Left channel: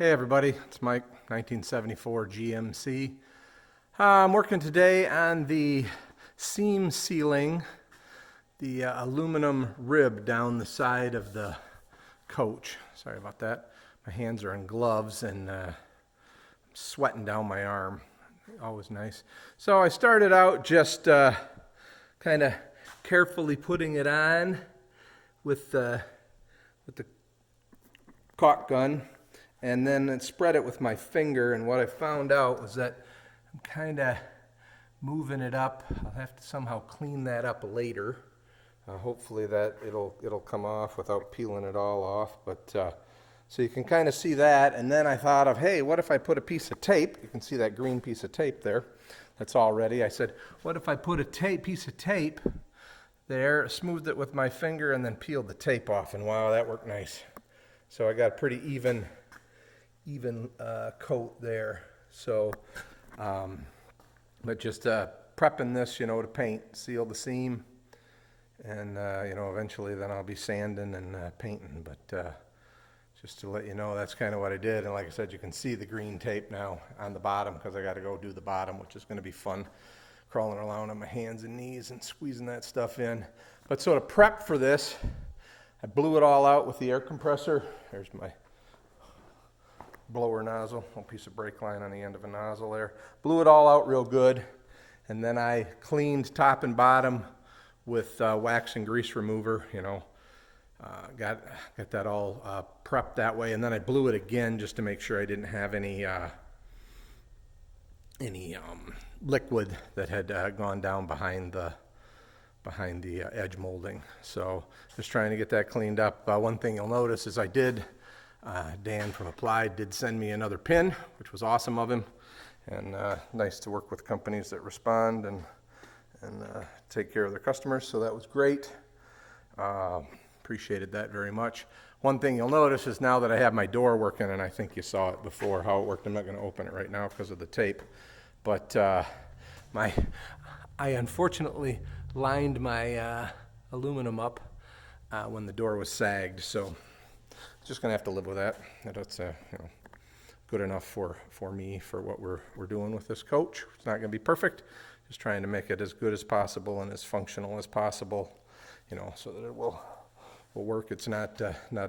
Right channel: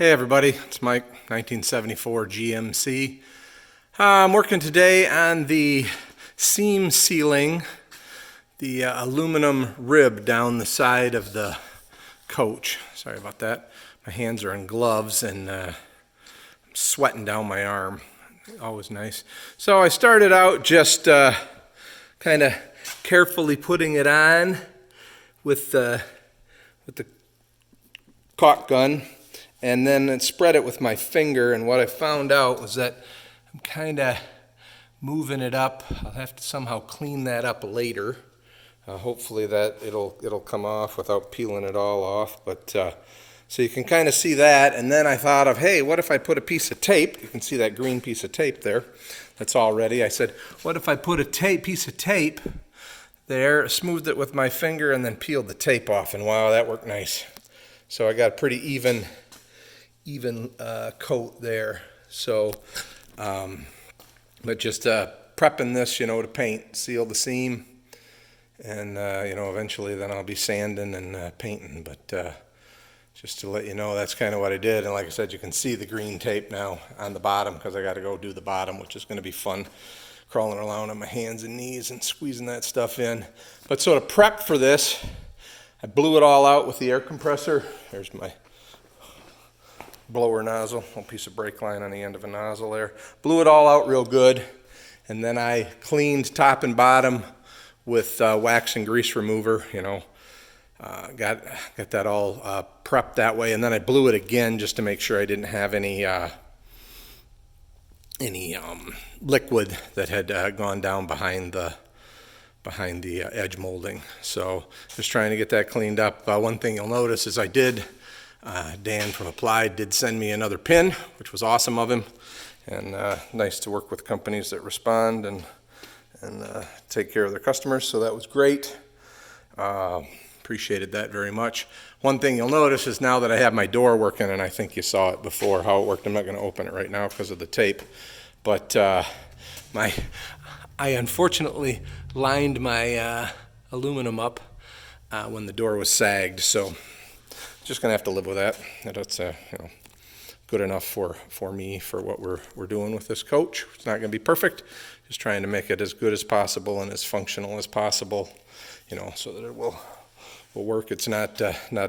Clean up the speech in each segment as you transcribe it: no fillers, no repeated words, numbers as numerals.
Hey everybody, it's Mike, 1974 GMC. I'm working today on the seam sealing, the aluminum rib down the side of the coach. Sorry about that. My hands are in gloves and I'm sweating down my arm. Always nice. So I started out just kind of carefully putting it on with the caulk gun, and then spread it with my finger. And what I found out was that I'm kind of moving it up. I'll have to somehow clean that up later. Hopefully that it'll come off without peeling it all off. But so you can kind of see that. And then I thought of, hey, what if I put a piece of tape? You can see that green piece of tape there. That's all ready. I said, what if I put a piece of tape there, smoothed it with my finger, and then peeled the tape off? And wow, that worked nice. So I got a pretty even coat there. So, but just prepping this, to paint, seal the seam, and eventually then I'll be sanding and painting. But just to let you know, that's kind of what I did. And like I said, you can see the green tape now on the bottom because I got to go do the bottom, which is going to be fun, crawling around on my hands and knees and squeezing that stuff in. But so to prep for this, I blew it all out with the air compressor. There's my blower nozzle, a piece of brake line on the end of a nozzle there. Blew it all out real good, and then I cleaned top and bottom with wax and grease remover. Got that all prepped that way, and then I blew it again just to make sure I didn't have any liquid that had gone down behind the edge molding. So just trying to get that cleaned up. One thing you'll notice is Dan from Applied did send me another pin, which was awesome of him, and nice to work with companies that respond and take care of their customers. So that was great. Appreciated that very much. One thing you'll notice is now that I have my door working, and I think you saw it before how it worked. I'm not going to open it right now because of the tape, but I unfortunately lined my aluminum up when the door was sagged, so just gonna have to live with that. That's good enough for me for what we're doing with this coach. It's not gonna be perfect, just trying to make it as good as possible and as functional as possible, so that it will work. It's not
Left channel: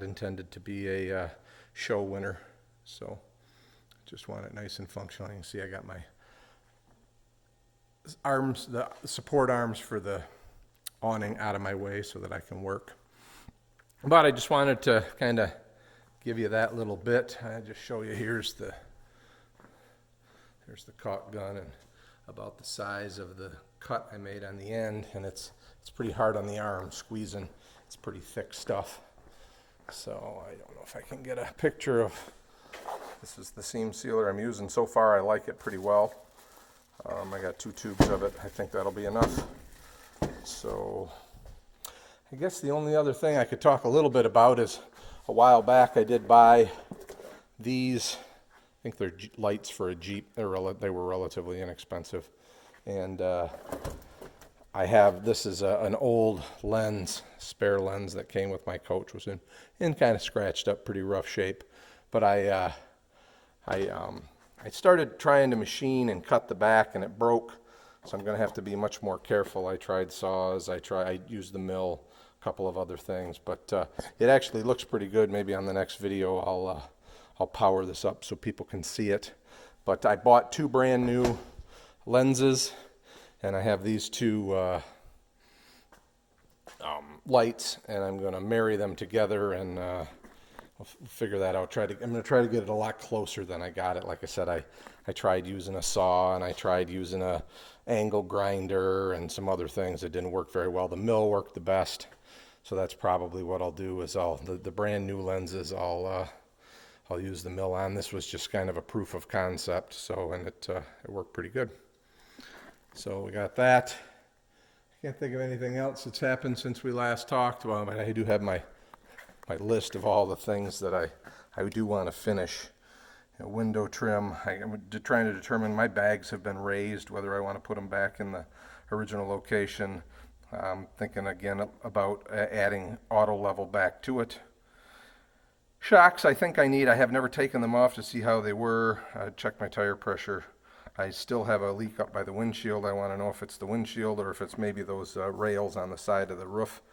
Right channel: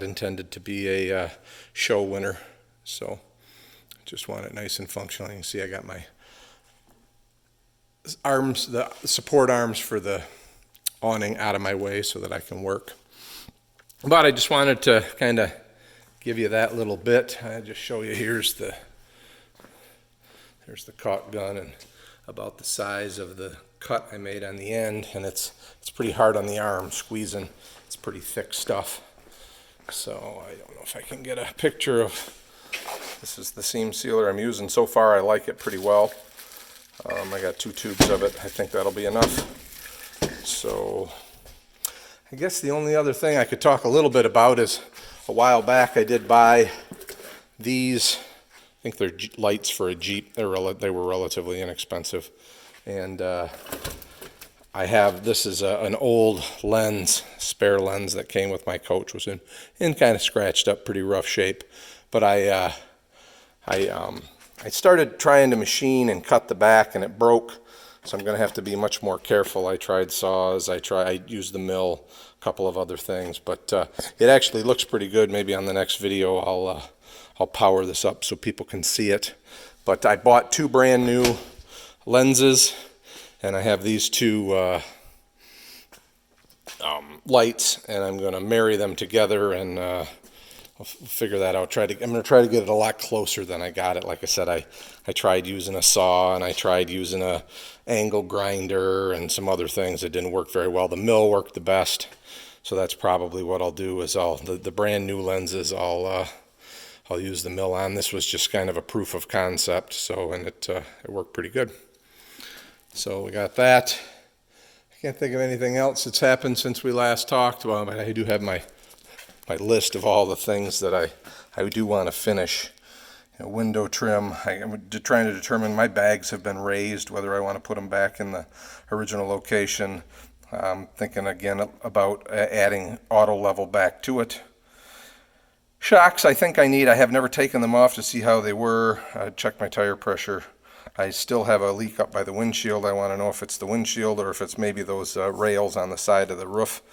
intended to be a show winner, so just want it nice and functional. You can see I got my arms, the support arms for the awning out of my way so that I can work. But I just wanted to kind of give you that little bit. I just show you, there's the caulk gun, and about the size of the cut I made on the end, and it's pretty hard on the arm, squeezing. It's pretty thick stuff. So I don't know if I can get a picture of, this is the seam sealer I'm using. So far I like it pretty well. I got 2 tubes of it. I think that'll be enough. So I guess the only other thing I could talk a little bit about is a while back I did buy these. I think they're lights for a Jeep. They were relatively inexpensive. And this is an old lens, spare lens that came with my coach. Was in kind of scratched up, pretty rough shape. But I started trying to machine and cut the back, and it broke, so I'm going to have to be much more careful. I tried saws, I used the mill, a couple of other things, but it actually looks pretty good. Maybe on the next video I'll power this up so people can see it. But I bought 2 brand new lenses, and I have these 2 lights, and I'm going to marry them together, and I'll figure that out. I'm going to try to get it a lot closer than I got it. Like I said, I tried using a saw, and I tried using a angle grinder and some other things that didn't work very well. The mill worked the best, so that's probably what I'll do. Is the brand new lenses I'll use the mill on. This was just kind of a proof of concept, and it worked pretty good. So we got that. I can't think of anything else that's happened since we last talked. Well, but I do have my list of all the things that I do want to finish. Window trim. I'm trying to determine, my bags have been raised, whether I want to put them back in the original location. Thinking again about adding auto level back to it. Shocks, I think I have never taken them off to see how they were. I checked my tire pressure. I still have a leak up by the windshield. I want to know if it's the windshield or if it's maybe those rails on the side of the roof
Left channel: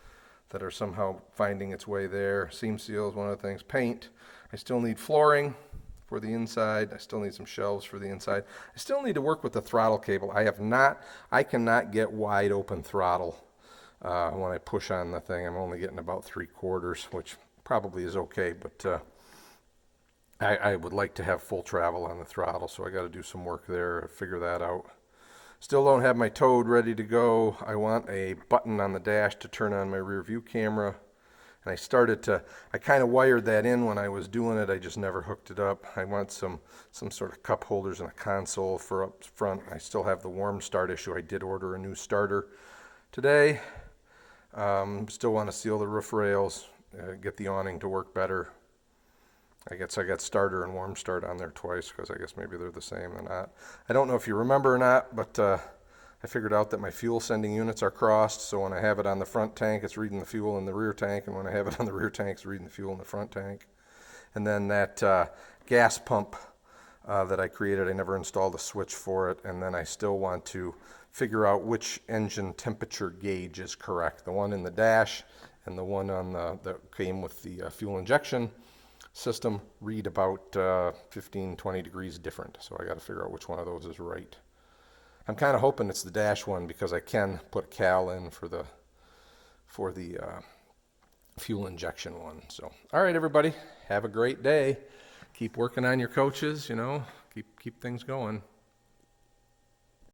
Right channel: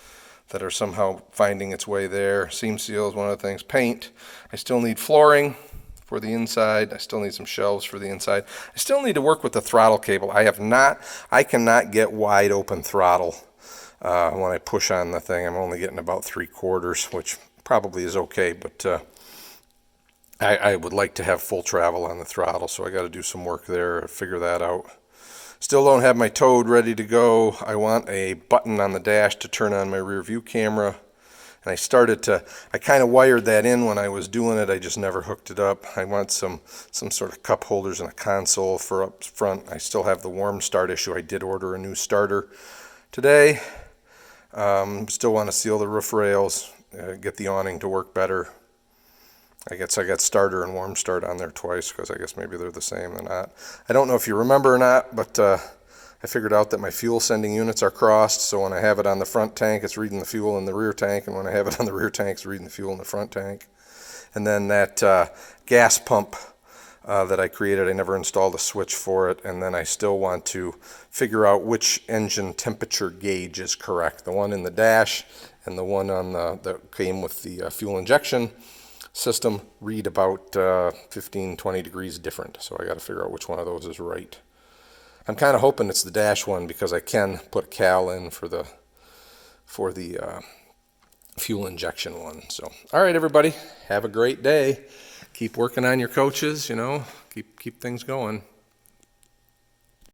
that are somehow finding its way there. Seam seal is one of the things. Paint. I still need flooring for the inside. I still need some shelves for the inside. I still need to work with the throttle cable. I cannot get wide open throttle when I push on the thing. I'm only getting about 3/4, which probably is okay, but I would like to have full travel on the throttle, so I got to do some work there, figure that out. Still don't have my Toad ready to go. I want a button on the dash to turn on my rear view camera. And I kind of wired that in when I was doing it. I just never hooked it up. I want some sort of cup holders and a console for up front. I still have the warm start issue. I did order a new starter today. Still want to seal the roof rails, get the awning to work better. I guess I got starter and warm start on there twice because I guess maybe they're the same. They're not. I don't know if you remember or not, but I figured out that my fuel sending units are crossed. So when I have it on the front tank, it's reading the fuel in the rear tank. And when I have it on the rear tank, it's reading the fuel in the front tank. And then that gas pump that I created, I never installed a switch for it. And then I still want to figure out which engine temperature gauge is correct. The one in the dash and the one on that came with the fuel injection system read about 15-20 degrees different, so I got to figure out which one of those is right. I'm kind of hoping it's the dash one because I can put a cal in for the fuel injection one. So all right, everybody, have a great day. Keep working on your coaches, keep things going.